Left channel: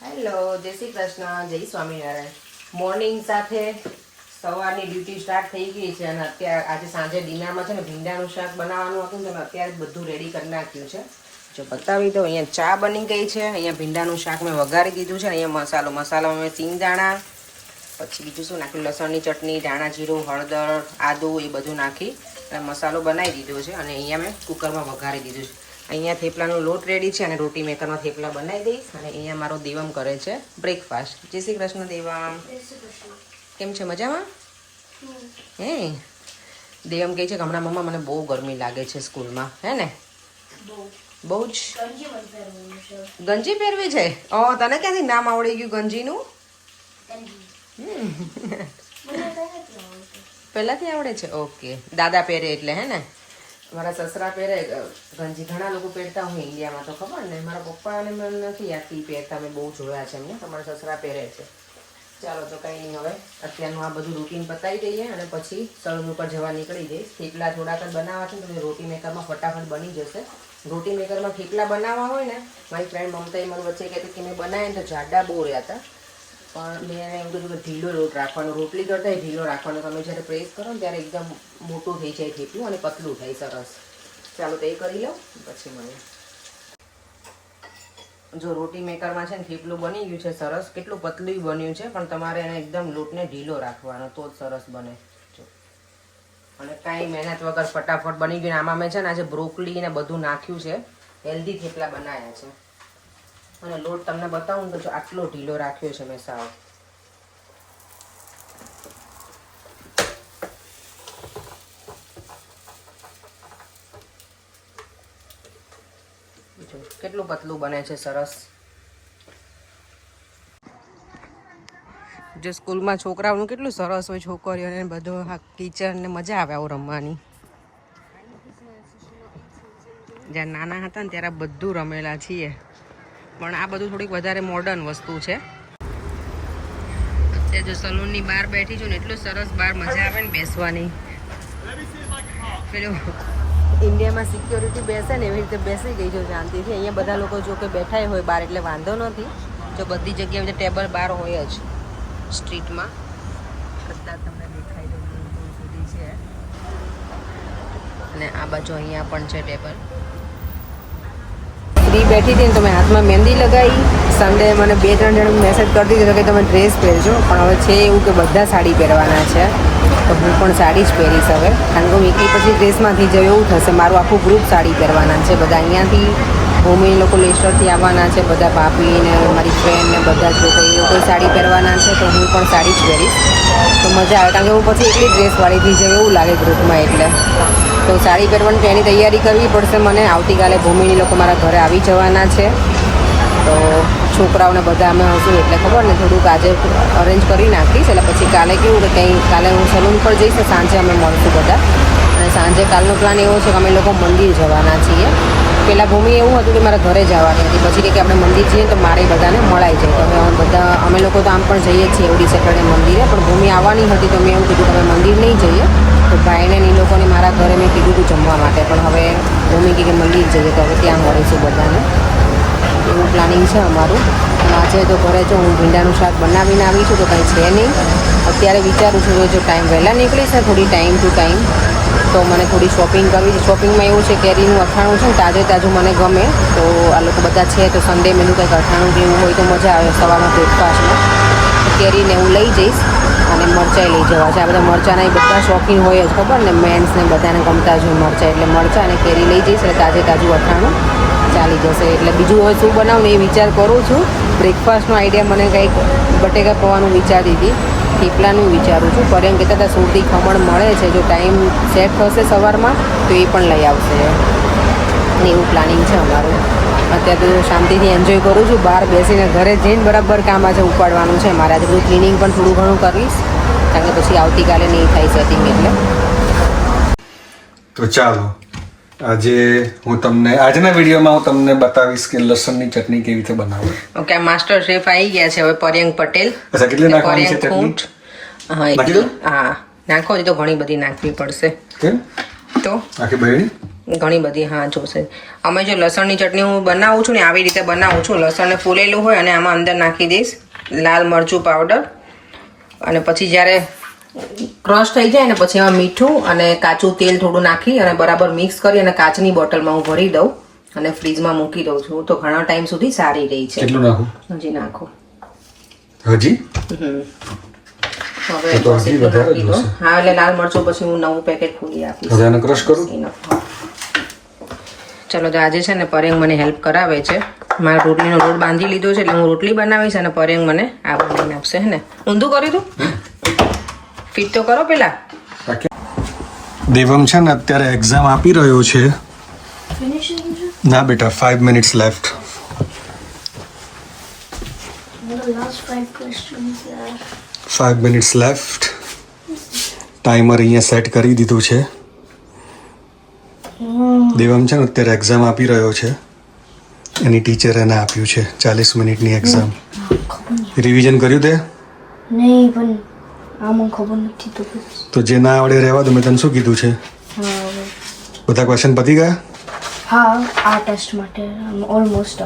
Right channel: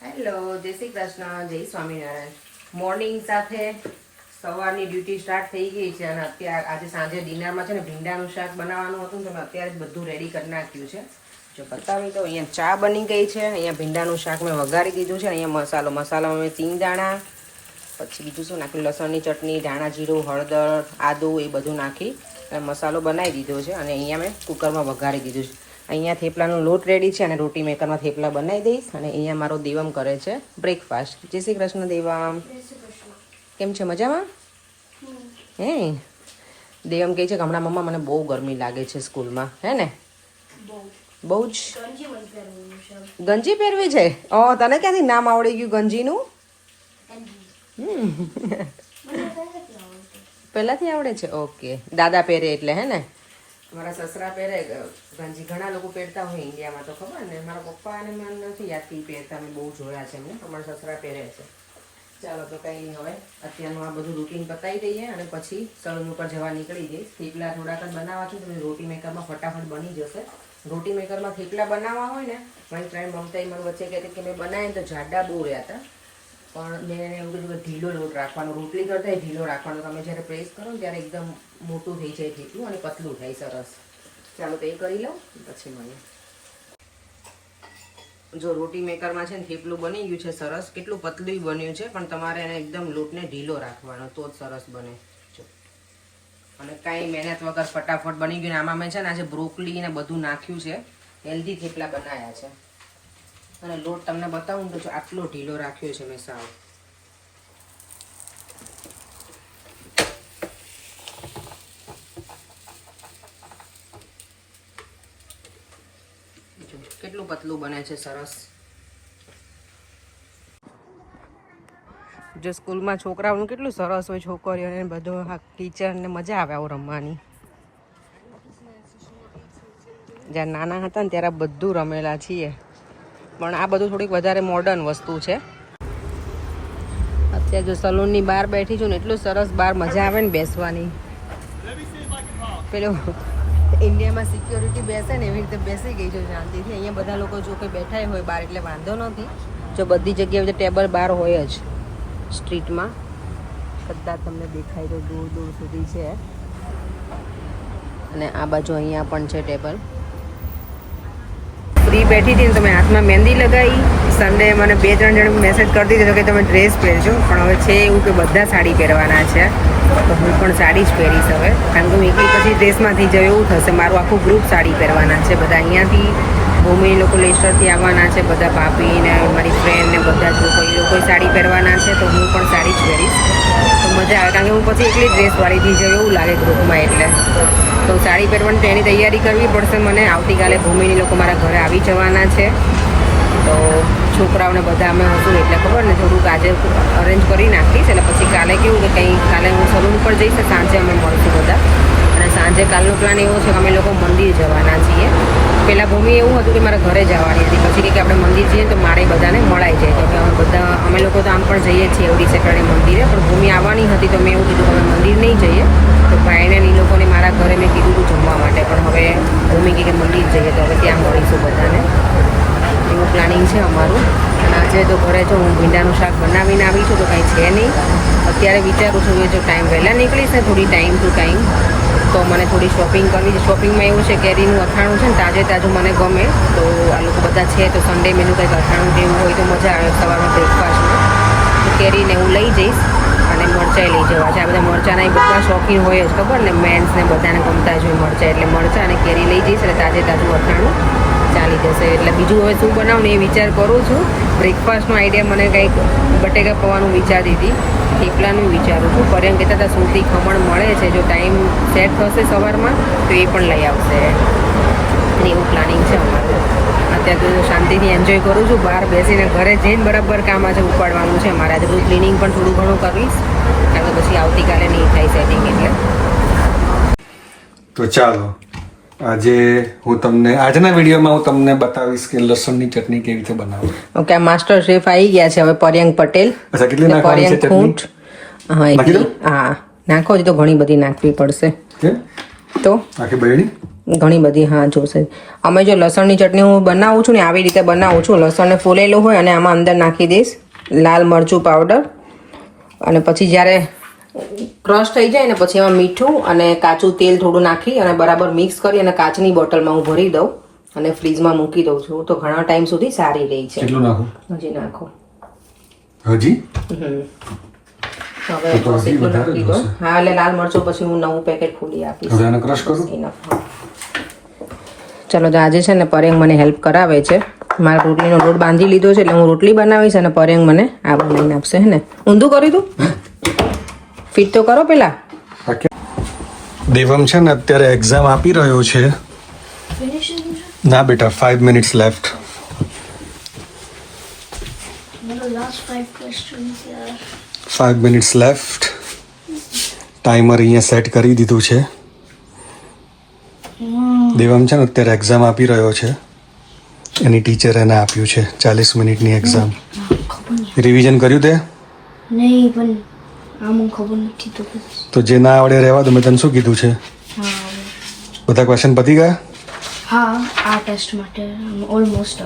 Hello, જય શ્રી કૃષ્ણ, જય Swaminarayan. Morning સાથે સવારની ડ્યુટી સ્ટાર્ટ થઈ ગઈ છે અને અત્યારે આજે સાંજે ડિનરમાં છે ને ભીંડાનું શાક બનાવવાનું હતું તો અત્યારે જ બધું રેડી કરી નાખ્યું છે. જો બતાવી દો, અહીંયા ચા બની ગઈ છે, અહીંયા ભીંડાનું શાક મેં વઘારી દીધું છે, અહીંયા મસાલામાં મેં સિંગદાણા, પછી બીજું શું નાખ્યું, લસણની ચટણી, ધાણા જીરું, હળદર, આદુ એ બધું નાખી અને મસાલો બનાવી દીધો છે અને અહીંયા મેં કુકરમાં વઘારી દીધું છે. અહીંયા થેપલાનો લોટ રેડી છે અને રોટી મેકરમાં થેપલા બનાવી દઈશ અને અહીંયા મારો દેવમ કરે છે બ્રેકફાસ્ટ. જય શ્રી કૃષ્ણ દેવમ, કેમ છે, મજામાં? દેવમ કહે છે કે હમણાં મમ્મા મને બહુ ગરમી લાગે છે સ્કૂલમાં, હે ને? બહુ જ ગંજી પહેરવી છે. ઓ, તને ક્યાંથી નામ આવડી ગયું ગંજીનું? પહેલાથી આવડે છે? ઓકે, દાદા પહેરે એટલે, હે ને? મારા સસરા પહેરે ગંજી, ઘણા લોકો પહેરતા હોય ઇન્ડિયામાં તો ખબર ને. મારા પપ્પાને મને નથી યાદથી પહેરતા, મેં બહુ જોયા છે એમને. તમારા સસરા પહેરે છે. ચાલો તો કંઈ નહીં, હવે અત્યારનું આ બધું રૂટીન પતાવી દઈએ અને પછી સલૂન ઉપર જવા નીકળી જઈશ. થેપલા થોડાક જ બનાવવા છે તો રોટી મેકરમાં ફટાફટ બની જશે. રોટી મેકરમાં થેપલા બનાવવા હોય ને, મારી ફ્રેન્ડ મમતાએ મારું વચ્ચે કહેતી કે મેં બનાવીને તો જાડા બહુ રહ્યા હતા, પણ મેં એને એવું કીધું કે ઢીલો લોટ રાખવાનો, રોટલી કરતા ઢીલો રાખવાનો. તમે જ્યારે પ્રેસ કરો ને ત્યારે એકદમ મોટું થઈ જાય થેપલું અને પતલું થાય સરસ. ચાલો તો એ કરી લઉં પછી મળીએ. જો રોટી મેકરમાં છે ને થેપલું બની ગયું છે સરસ, કેટલું પતલું બન્યું છે, પણ તમારે એને એકદમ લોટને ઢીલો રાખવાનો તો જ સરસ બને. જો અને કાંઈ મહેનત વગર ફટાફટ બની ગયું. આમાં મેં છે ને આજે બ્રોકલી ને બધું નાખ્યું છે, હેલ્ધી થેપલા બનાવ્યા છે. અને લોટ તમને બતાવું તો આટલો ઢીલો રાખ્યો છે મેં સાવ. કેટલું પતલું બને છે સરસ. જો સ્કૂલમાં છોકરાઓનું કેટલું સરસ હોય, છોકરીઓને બધું કિચન ને મજા આવે આવું રમવાની. જ્યારે નાના હતા ને ત્યારે બધું રમેલા છીએ, પણ આ બધું થોડીક વધારે મોડર્ન વસ્તુ છે. અત્યારે જો સલૂનની બહાર બેઠી છું ને એટલું સરસ બહાર મજા આવે ને બેસવાની. પેલું ઇન્ડિયામાં સિક્યોરિટી બેસે ને એવી રીતે બેસી ગઈ છું શાંતિથી. અહીંયા બધા લોકો જો કે બેઠા હોય બહાર એટલે વાંધો નથી. જો બધી જગ્યાએ ટેબલ બહાર હોય જ સ્ટ્રીટમાં, બધા તમને દેખાય છે, દૂર દૂર સુધી છે. અને આ બાજુ અહીંયા પણ છે ટેબલ. ફ્રી બેઠી હતી ને તો મેં હાથમાં મહેંદી લગાવી. સન્ડે મને 2-3 જણ મેસેજ કરી દીધો કે તમે ડ્રેસ પહેરજો, પણ હવે છે એવું કે બધા સાડી પહેરવાના છે તો હું પણ સાડી જ પહેરીશ હવે. કારણ કે હું એકલી પછી ડ્રેસમાંથી જવું એવું થશે. મારું આખું ગ્રુપ સાડી પહેરવાના છે. બધા અહીંયાથી ભૂમિ લોકો લેસ્ટરથી આવવાના છે, બધા ભાભી ને મારી ફ્રેન્ડ ને બધા જ લોકો, એ લોકો સાડી પહેરવાના છે તો હું પણ સાડી જ પહેરીશ તો મજા આવે. કારણ કે હું પછી એકલી ડ્રેસવાળીથી જવું એવું લાગે ગ્રુપમાં, એટલે તો સાડી પહેરવાની તો એની તૈયારી કરવી પડશે મને. આવતીકાલે ભૂમિની લોકો મારા ઘરે આવી જવાના છે તો છોકરાઓને બધા અમે હશું એટલે ખબર ને થોડુંક આજે અરેન્જ કરી નાખીશ. એટલે પછી કાલે કેવું કે કંઈ કાલે હું સલૂન પર જઈશ ને સાંજે અમે મળશું બધા. અને સાંજે કાલનો પ્લાન એવો છે કે અમે લોકો મંદિર જવાના છીએ. પહેલાં ભૂમિ એવું હતું કે મારા ઘરે જવાની હતી, પછી કે આપણે મંદિર જઈએ તો મારે બધાને મળાઈ જાય. તો બધા અમે લોકો તો આમ પણ જઈએ છીએ એવડી સેટરડે મંદિરે, પણ ભૂમિ આવવાની હતી તો મેં એવું કીધું કે અમે મંદિર નહીં જઈએ. તો ભાઈને એ લોકોને મારા ઘરે મેં કીધું હતું જમવા માટે, પણ હવે ભૂમિ કે મંદિર જઈએ તો હવે ત્યાં મળીશું બધાને, એવું પ્લાનિંગ છે અમારું. અને આજે તો ઘરે જો હું ભીંડાનું શાક બનાવીને આવી છું તો કંઈ છે નહીં. અત્યારે વિચારું છું જો ટાઈમ વહેલા નીકળીશ ને થોડી ટાઈમ ટુ ટાઈમ તો મને થોડી શોપિંગ કરવી છે. શોપિંગમાં એવું છે કેરીનું અથાણું છે ને તાજે તાજું મને ગમે, તો આ લોકો બધા છે તો સન્ડે મેનું કંઈક અથાણું જેવું હોય તો મજા આવે સવારમાં બ્રેકફાસ્ટમાં. તો કેરીને હું લઈ જઈશ અને મરચાંય લઈ જવા છે. આ બધા મરચાંના એ બધા શોખીન હોય જ, ખબર ને, મેન્સને બધાને ગમતા જ હોય મરચાં, એટલે મરચાં અને કેરી લઈ જઈશ એટલે તાજે તાજું અથાણું ચાલી જશે. એટલે બીજું હવે શું બનાવું ને એ વિચાર કરું છું. બ્રેકફાસ્ટનો આઈડિયા મને કંઈક બટેકા પૌવાનું વિચારી હતી, થેપલાનું વિચારું છું. પર એમ કહેતા હતા સુરતી ખમણ મળે છે, જો ટાઈમ સેટ થશે સવારમાં તો એ પણ લઈ આવશે, એવું પ્લાનિંગ છે અમારું. અત્યારે તો શાંતિથી એન્જોય કરું છું બહાર બેસીને. ઘરે જઈને બરાબર કામ આજે ઉપાડવાનું છે મારે. આજે બધું ક્લિનિંગ પણ થોડું ઘણું કરીશ કારણ કે પછી આવતીકાલે નહીં થાય સેટિંગ એટલે. તો ચાલો આજે હું તમને આજના વિડીયોમાં હું તમને બતાવીશ કે લસણની ચટણી કેવી રીતે બનાવવી. ઓકે, આ માસ્ટર શેફ આવી ગયા છે હવે, પર્યંક પટેલ. અચ્છા, કેટલી નાખવાની છે ચટણી? હા, નાખો તો ઘણી બધી નાખવી પડશે. કેમ? તો આખી બળી ઘણી બધી હા જોશે. અમે જો લસણની ચટણી હું બનાવું છું ને આવી રીતે બનાવું છું. લસણને ફોલેલું હોય અને આમાં અંદર નાખી દઈશ લાલ મરચું પાવડર, અને પછી જ્યારે ક્રશ થઈ જાય ને પછી એમાં મીઠું અને કાચું તેલ થોડું નાખી અને બરાબર મિક્સ કરી અને કાચની બોટલમાં હું ભરી દઉં અને ફ્રીજમાં મૂકી દઉં છું. તો ઘણા ટાઈમ સુધી સારી રહી છે. કેટલું નાખું? હજી નાખો. હજી? હવે બસ એટલું નાખી દો. હા એટલે લાલ મરચું પછી હું નવું પેકેટ ખોલી આપીશ. હવે એને ક્રશ કરું. ચલો તો આજે છે ને પરેંગ મને હેલ્પ કરાવે છે. મારે રોટલીનો લોટ બાંધી લીધો છે એટલે હું રોટલી બનાવીશ અને પરેંગ મને આ બનાવીને આપશે. હે ને ઊંધું કરી દઉં? ફિટ તો કરો પેલા. દેવમ છે ને અત્યારે એક્ઝામ આપી રહ્યો છે. ના બેટા 5 minutes left. The last 5 questions left. 5 minutes left. Timer અહીંયા સેટ કરી દીધું છે. દેવમ છે ને અત્યારે એક્ઝામ આપી રહ્યો છે. એની ટીચર એને આપ્યું છે 40 મિનિટની એક્ઝામ. રિવિઝન કર્યું તે? નહીં પણ આમાં ખબર નથી તો તો જે ના આવડે રહેવા દો. મેં તને શું કીધું છે? બધા ક્વેશ્ચન પતી ગયા? હા આ ટેસ્ટ માટે ઓલમોસ્ટ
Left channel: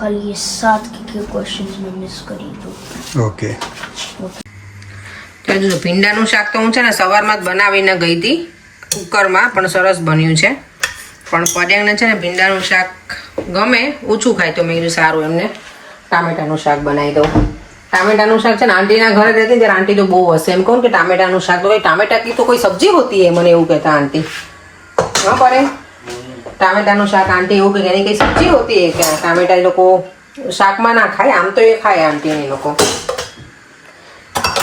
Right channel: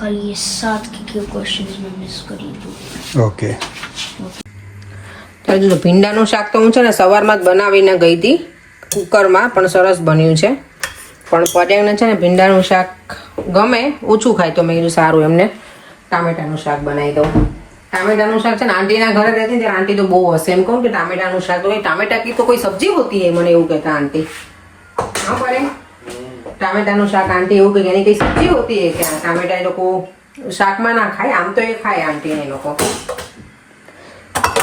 ખાલી 7 કે ક્વેશ્ચન્સ મેં મિસ કરી દીધું. ઓકે. જો ભીંડાનું શાક તો હું છે ને સવારમાં જ બનાવીને ગઈ હતી કુકરમાં, પણ સરસ બન્યું છે. પણ પરેંગને છે ને ભીંડાનું શાક ગમે, ઓછું ખાય, તો મેં કીધું સારું એમને ટામેટાનું શાક બનાવી દઉં. ટામેટાનું શાક છે ને આંટીના ઘરે રહેતી ત્યારે આંટી તો બહુ હશે. એમ કહું કે ટામેટાનું શાક તો કઈ ટામેટા की तो कोई सब्जी होती है, મને એવું કહેતા આંટી. હા પરેંગ, ટામેટાનું શાક આંટી એવું કે એની કઈ સબ્જી હોતી है કે ટામેટા એ લોકો શાકમાં ના ખાય, આમ તો એ ખાય આંટી ને લોકો.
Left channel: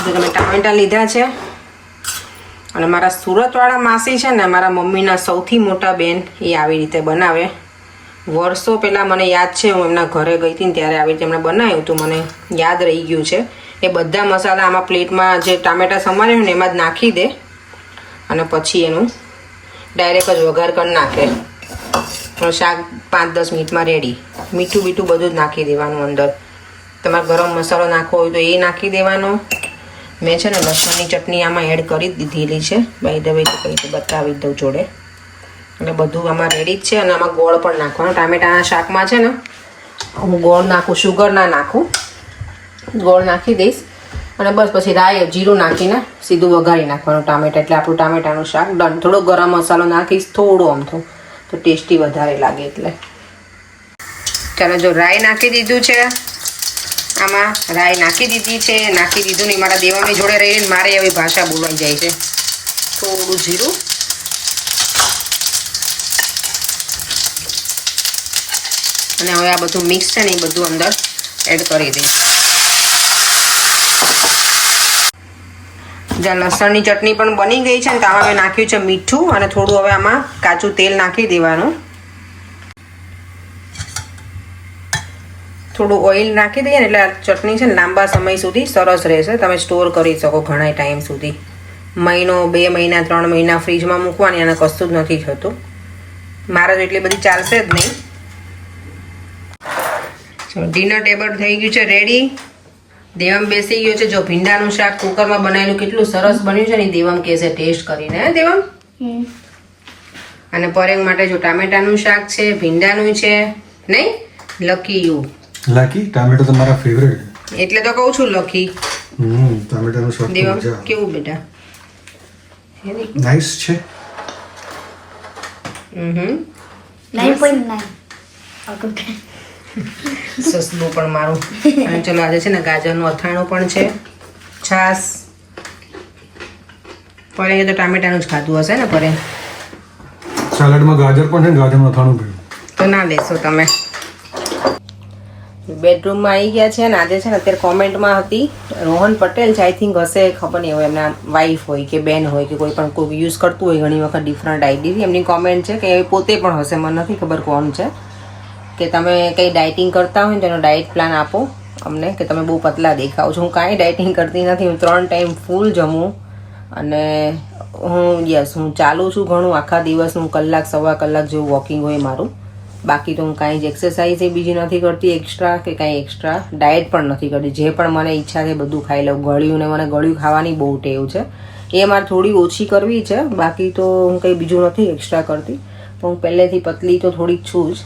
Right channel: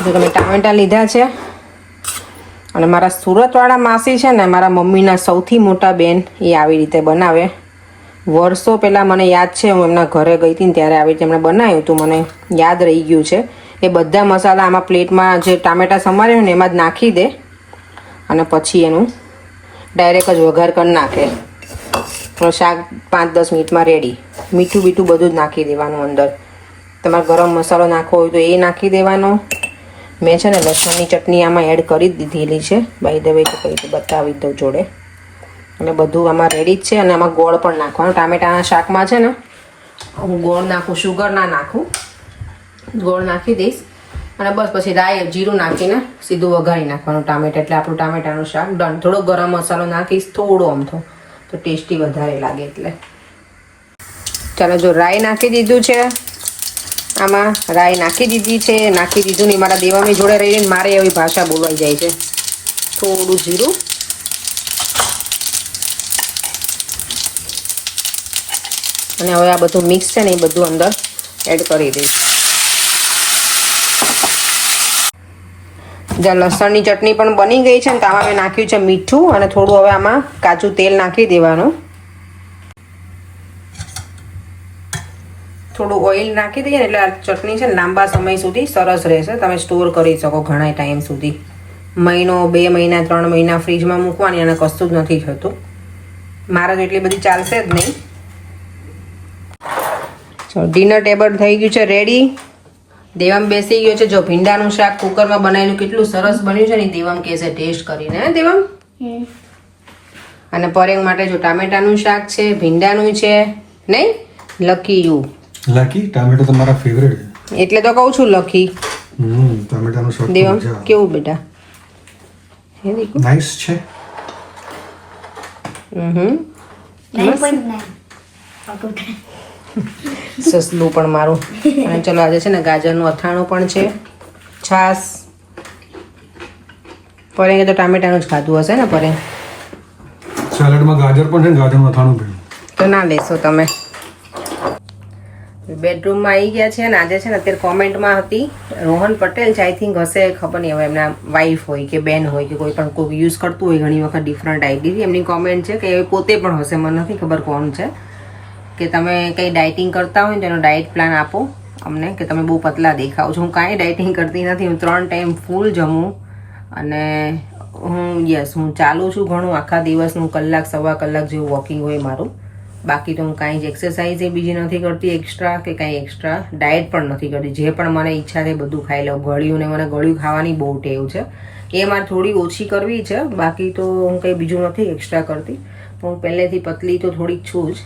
જો તમે ટામેટા લીધા છે અને મારા સુરતવાળા માસી છે ને મારા મમ્મીના સૌથી મોટા બેન, એ આવી રીતે બનાવે. વર્ષો પહેલાં મને યાદ છે હું એમના ઘરે ગઈ હતી ને ત્યારે આવી રીતે એમણે બનાવ્યું હતું, મને યાદ રહી ગયું છે. એ બધા મસાલા આમાં પ્લેટમાં જે ટામેટા સમાર્યા ને એમાં જ નાખી દે અને પછી એનું ડાયરેક્ટ જ વઘાર કરી નાખે. તો શાક 5-10 મિનિટમાં રેડી. મીઠું બીઠું બધું જ નાખી દેવાનું અંદર. તમારે ગરમ મસાલો નાખવો હોય તો એ નાખી દેવાનો. મેં છે ને લસણની ચટણી આમાં એડ કરી જ દીધેલી છે, બાય ધ વે તો કંઈ બતાવી દઉં જોડે. અને બધું આમાં રેડી જ છે. અને આમાં ગોળ પણ નાખવાનો. ટામેટાના શાકમાં છે ને હું ગોળ નાખું, શુગર ના નાખું, ગોળ નાખી દઈશ. અને બસ પછી રાઈ જીરું નાખીને સીધું વઘારી નાખવાનું ટામેટા, એટલે આપણું ટામેટાનું શાક ડન. થોડો ગરમ મસાલો નાખીશ, થોડો અમથો, તો ટેસ્ટી વધારે લાગે એટલે. ચાલો જો રાઈ નાખી દીધું છે આમાં, રાઈ નાખી દીધી છે. નાખી દીધું નહીં, મારા દેવાની જોડે રહીને મારે એવી ભાષા બોલવાઈ જાય છે. થોડું જીરું અને હવે આ બધું મિક્સ છે ને એ બધું અંદર એડ કરી દઈશ. જ્યાં લસણની ચટણી પણ બની ગઈ છે ને તો આમાં મેં નાખ્યું છે મીઠું અને થોડું હવે આમાં કાચું તેલ નાખી દેવાનું. થોડું ઓઇલ નાખી દઈએ ને એટલે આ ચટણી છે ને લાંબા સમય સુધી સરસ રહેશે. તમે સ્ટોર કરી શકો ઘણા ટાઈમ સુધી, મહિનો, 2 મહિના, 3 મહિના ફ્રીજમાં મૂકવાની અને કશું જ નથી થતું. મારે તો એટલી બધી ચાલશે જ નહીં. ડિનર ટેબલ થઈ ગયું છે રેડી. દેવમ બેસી ગયો છે. જો ભીંડાનું શાક કુકરમાં બનાવેલું કેટલું સરસ બન્યું છે ને દેવમ કહેશે ટેસ્ટ કરીને. હે દેવમ? અને પરેંગ માટે જો ટામેટાનું શાક છે, ભીંડાનું છે. નહીં લકી યુ લકી ટામેટો તો મારા ફેવરેટ છે, એટલે તો કહું છું લકી. ટામેટાનું શાક દેવમ કેવું બેટા? નાઈસ છે. 9.9. સસલું પણ મારું. અને ચલો આજે છે ને ગાજરનું અથાણું પણ છે, છાસ. પરેંગે તો ટામેટાનું જ ખાધું હશે ને પરેંગ? સેલેડમાં ગાજર પણ છે ને, ગાજરનું અથાણું પીવું તો ના લેશો તમે. બેડરૂમમાં આવી ગયા છે અને આજે છે ને અત્યારે કોમેન્ટમાં હતી રોહન પટેલ છે, આઈ થિંક હશે, ખબર નહીં હવે એમના વાઈફ હોય કે બેન હોય કે કોઈ પણ કોઈ યુઝ કરતું હોય ઘણી વખત ડિફરન્ટ આઈડી. એમની કોમેન્ટ છે કે એ પોતે પણ હશે, મને નથી ખબર કોણ છે, કે તમે કંઈ ડાયટિંગ કરતા હોય ને તેનો ડાયટ પ્લાન આપો અમને, કે તમે બહુ પતલા દેખાવ છો. હું કાંઈ ડાયટિંગ કરતી નથી, હું 3 ટાઈમ ફૂલ જમું અને હું ચાલું છું ઘણું આખા દિવસનું, કલાક 1.25 કલાક જેવું વોકિંગ હોય મારું. બાકી તો હું કાંઈ જ એક્સરસાઇઝ એ બીજી નથી કરતી એક્સ્ટ્રા, કે કાંઈ એક્સ્ટ્રા ડાયટ પણ નથી કરતી. જે પણ મને ઈચ્છા છે બધું ખાઈ લઉં. ગળ્યું ને મને ગળ્યું ખાવાની બહુ ટેવ છે, એ મારે થોડી ઓછી કરવી છે. બાકી તો હું કંઈ બીજું નથી એક્સ્ટ્રા કરતી. હું પહેલેથી પતલી તો થોડીક છું જ,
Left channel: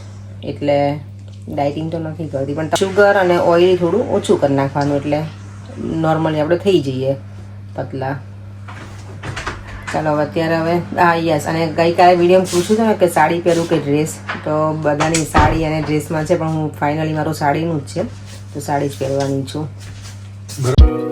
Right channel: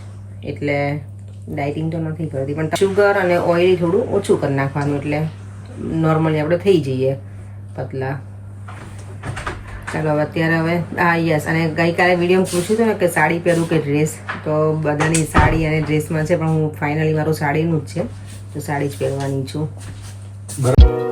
એટલે ડાયટિંગ તો નથી કરતી, પણ શુગર અને ઓઇલ થોડું ઓછું કરી નાખવાનું, એટલે નોર્મલી આપણે થઈ જઈએ પતલા. ચાલો અત્યારે હવે યસ, અને ગઈકાલે વિડીયોમાં પૂછ્યું હતું ને કે સાડી પહેરું કે ડ્રેસ, તો બધાની સાડી અને ડ્રેસમાં છે, પણ હું ફાઇનલી મારું સાડીનું જ છે, તો સાડી જ પહેરવાની છું.